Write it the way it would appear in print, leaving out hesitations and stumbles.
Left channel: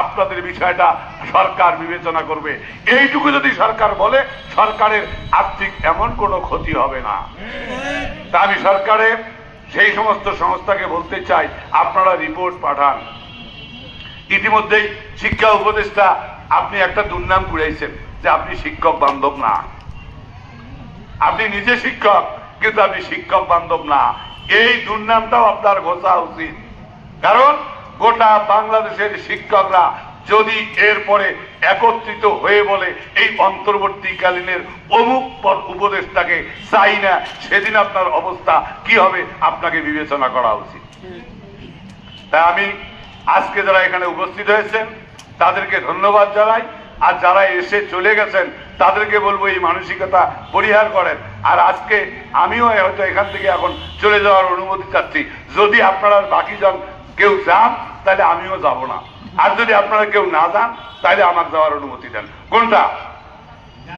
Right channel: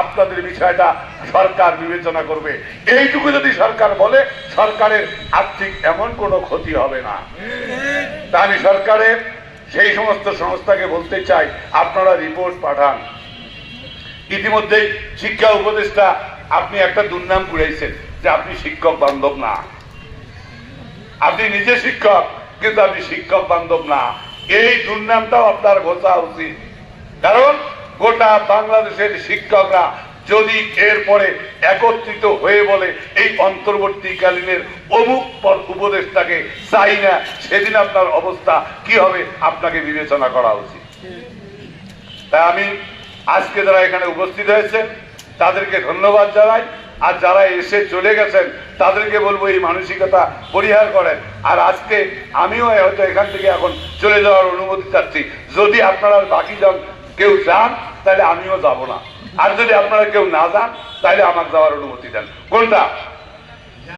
আপনাদের বিষয়টা সরকার বিবেচনা করবে। এইটুকু যদি সরকার বলে, সরকারের আর্থিক এমন কোনো ক্ষতি হবে না। তা আমি সরকারের সেই সমস্ত সংস্থাকে বলতে চাই, আপনারা রিপোর্ট পাঠান। ইতিমধ্যেই শিক্ষা উপদেষ্টা আপনি একটা দুর্নাম কুড়াইছেন যে আপনি শিক্ষক বান্ধব না। আপনি নিজে শিক্ষক, কিন্তু আপনি শিক্ষক বান্ধব না। এই দুর্নামটাও আপনার ঘোষা উচিত। কারণ গোটা বাংলাদেশের শিক্ষকরা যদি এরপরে একত্রিত হয়ে বলে এই অন্তর্বর্তীকালীনের অমুক পদ উপদেষ্টাকে চাই না, সেদিন আপনার অবস্থা কি হবে আপনাকে বিবেচনা করা উচিত। তাই আমি আজকে যারা এখানে উপস্থিত হয়েছে তাদেরকে ধন্যবাদ জানাই, আর যারা এসে চলে গেছেন তাদেরকে বলবো এই মানসিকতা পরিহার করেন। আর আজকে আমিও হয়তো এখান থেকে এখন চলে যাওয়ার অনুমতি চাচ্ছি। যদি আপনারা বাকি জন কেউ যান তাহলে আমিও যাব না, আর যদি আপনারা কেউ না যান তাহলে আমার যাওয়ার অনুমতি দেন। কোনটা?